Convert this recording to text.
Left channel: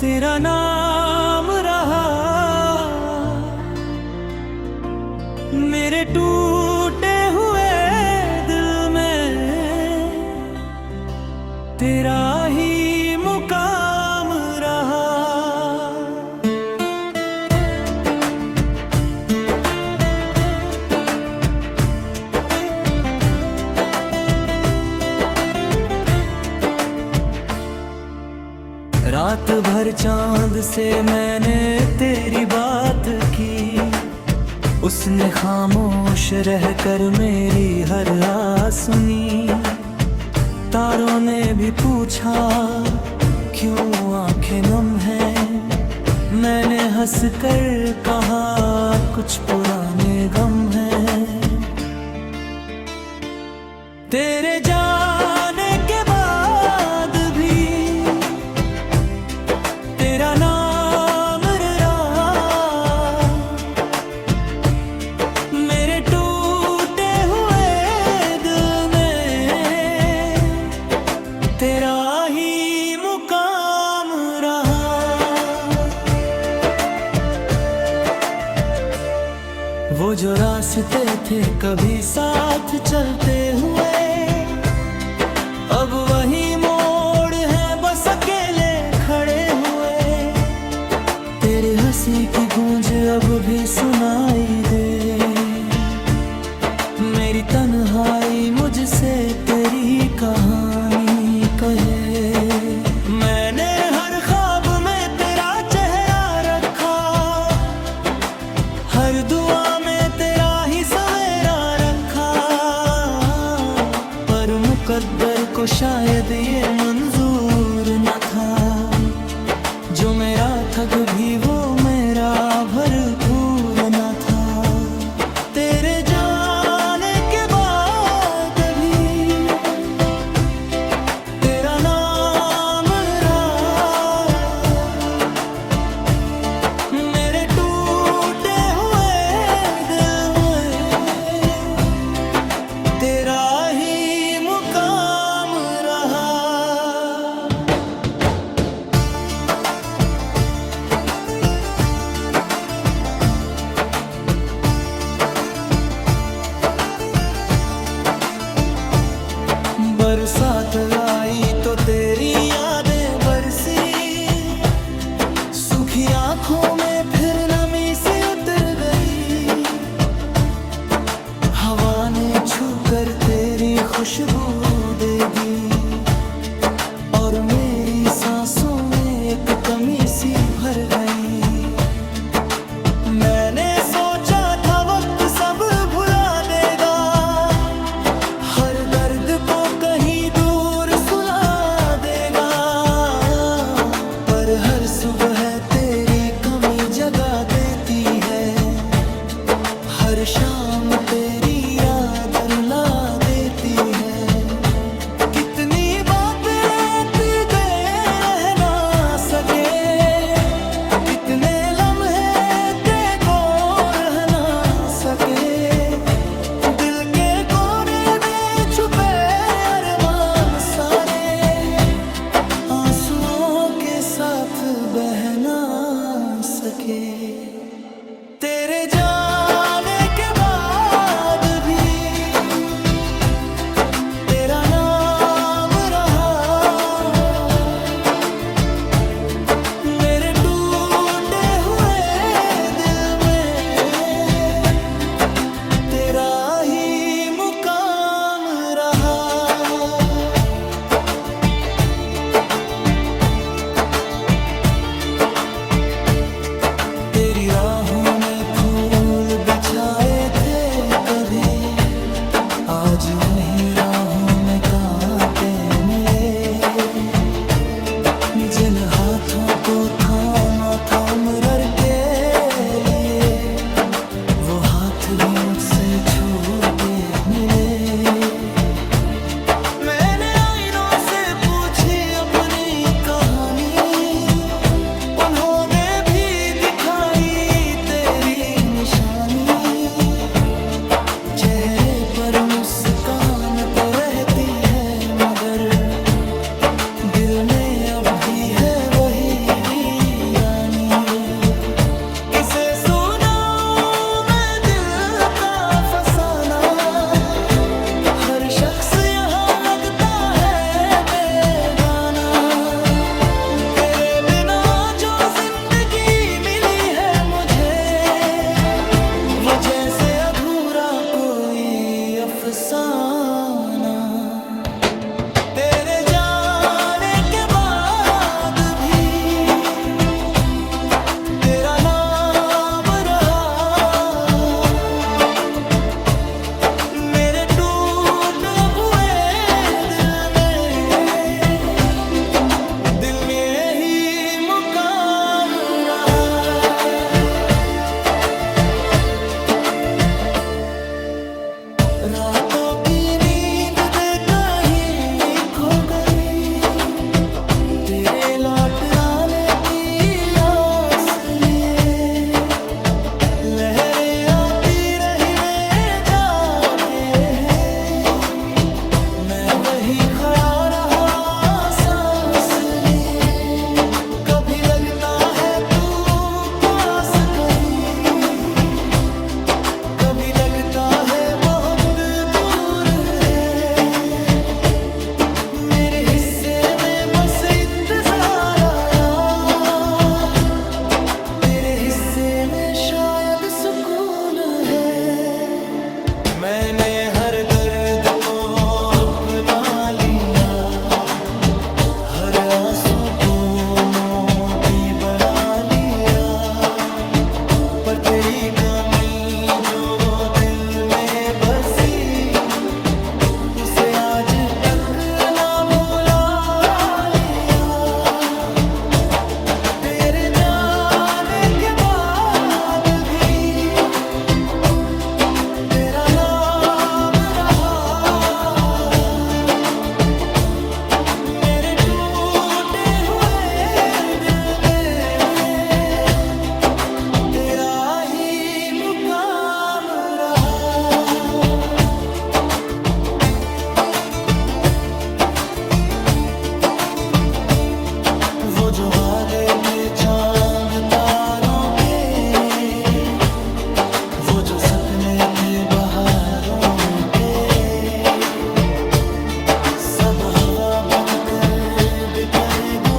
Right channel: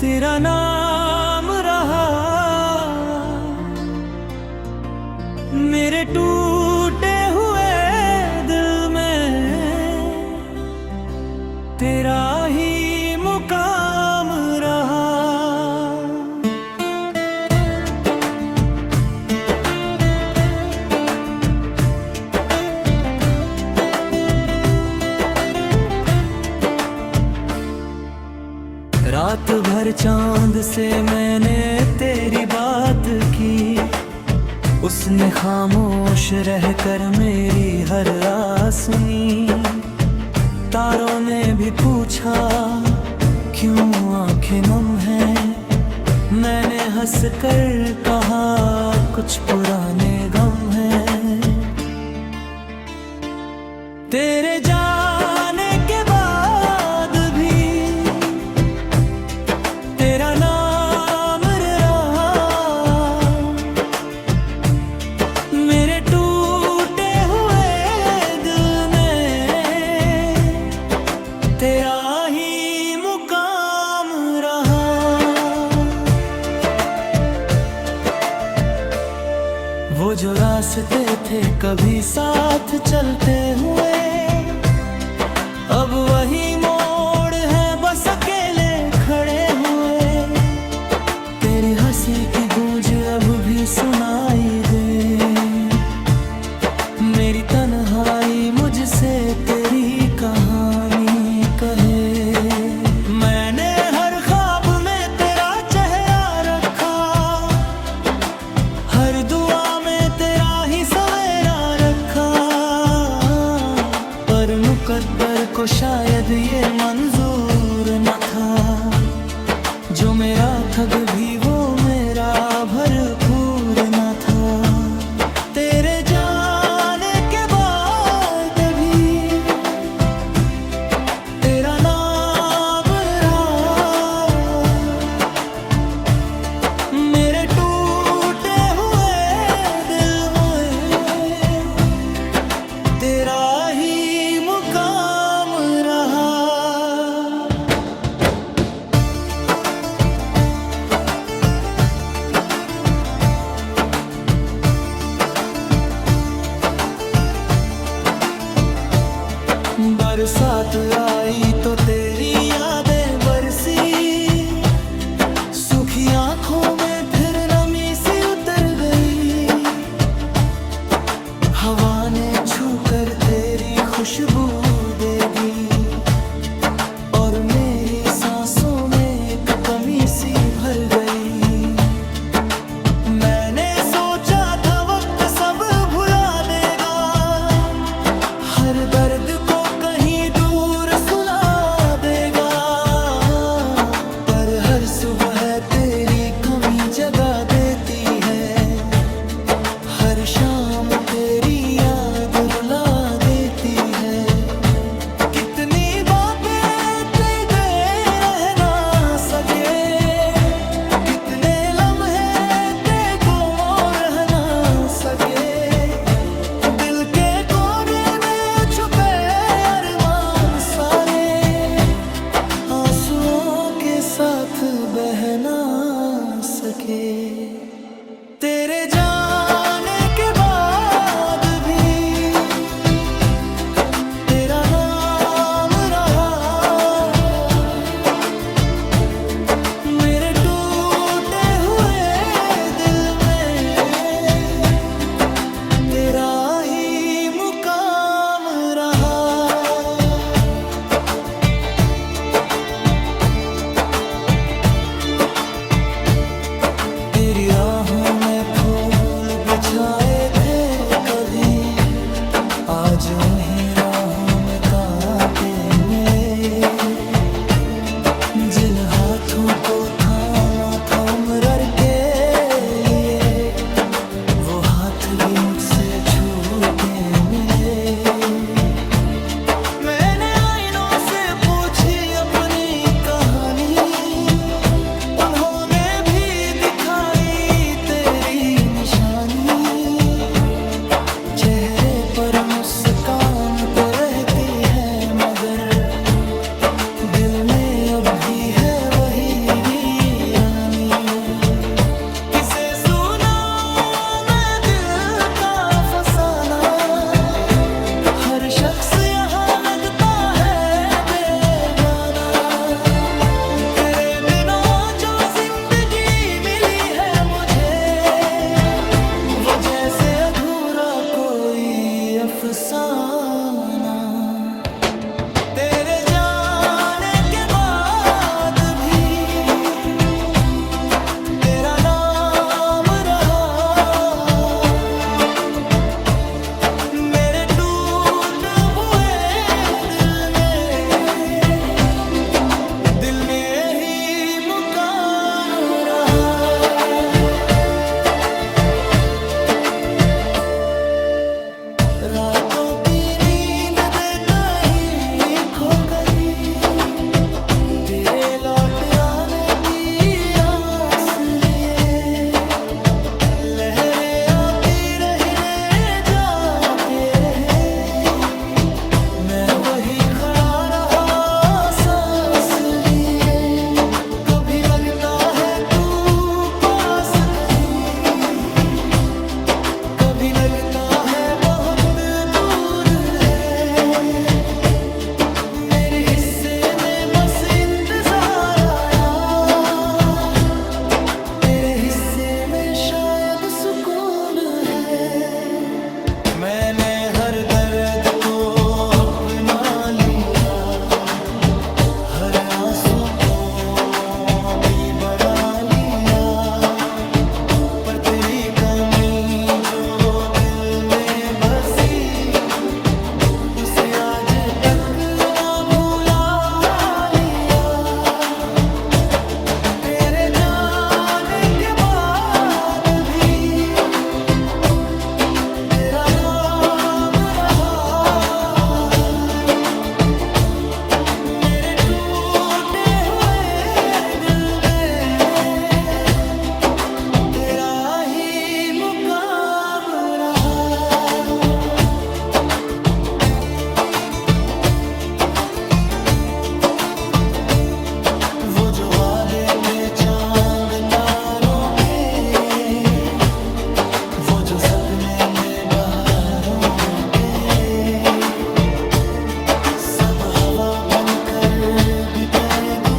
तेरा नाम रहा मेरे टूटे हुए दिल में, तेरा ही मुकाम रहा। रात भर चांद से मैंने तेरी बात की, उसने खामोश रहकर मेरी हर रात सुनी। तारों ने भी पूछा क्यों आंखें नम हैं, मैंने हंसकर कहा कुछ पुराने गम हैं। तेरे जाने के बाद भी तेरा नाम रहा मेरे टूटे हुए दिल में, तेरा ही मुकाम रहा। वो जो रास्ते थे कभी साथ चलते हुए, अब वही मोड़ है बस अकेले खड़े हुए। तेरी हंसी की गूंज अब भी सुनाई दे, मेरी तन्हाई मुझसे तेरी कहानी कहे। मैंने हर ख्वाब में तेरा चेहरा रखा, हर दुआ में तेरा ही सवेरा रखा, पर मुकद्दर को शायद ये मंजूर न था। जो मेरा ठग भी वो मेरा भरपूर न था। तेरे जाने के बाद भी तेरा नाम रहा मेरे टूटे हुए दिल में, तेरा ही मुकाम रहा। बरसात आई तो तेरी यादें बरसी, सूखी आंखों में फिर नमी सी उतर गई। हवा ने छूकर तेरी खुशबू दे दी, और मेरी सांसों में एक कमी सी भर गई। मैंने सोचा था वक्त सब भुला देगा, हर दर्द को कहीं दूर सुला देगा, पर हर सुबह तेरी कमी जगा देती है। हर शाम तेरी याद रुला देती है। कितनी बातें दे रह ना सके, कितने लम्हे तेको रह ना सके। दिल के कोने में छुपे अरमान सारे, आंसुओं के साथ बह ना सके। तेरे जाने के बाद भी तेरा नाम रहा मेरे टूटे हुए दिल में, तेरा ही मुकाम रहा। तेरी राहों में फूल बिछाए थे कभी, आज उन्हीं राहों में कांटे मिले। जिन हाथों को थामा था उम्र के लिए, वो हाथ भी मुझसे छूटे मिले। मैंने आईनों से पूछी अपनी कहानी, उन्होंने भी दिखाई तेरी निशानी। चेहरे पर मुस्कान तो रहती है, मगर दिल में अब भी है वही अफसाना। तेरे जाने के बाद भी तेरा नाम रहा मेरे टूटे हुए दिल में ही मुकाम रहा। रातों की नींद दे कहीं खो गई, तेरे लौट आने की आस लिए। लहरें आती रही मैं जाके रहे, मैं वही खड़ा रहा सांस लिए। कभी लगता है तू पास कहीं, कभी लगता है बहुत दूर है। मेरे हिस्से में बस इंतजार आया, तेरे हिस्से में शायद सुकून है। मैंने हर दर्द को अपना लिया, हर आंसू को मोती बना लिया। पर तेरी कमी जो दिल में बसी, उसे आज तक ना भुला लिया। तेरे जाने के बाद भी तेरा नाम रहा मेरे टूटे हुए दिल में, तेरा ही मुकाम रहा। वो जो वादे थे चांद तारों के, वो जो सपने थे बहारों के, सब हवा बनकर बिखर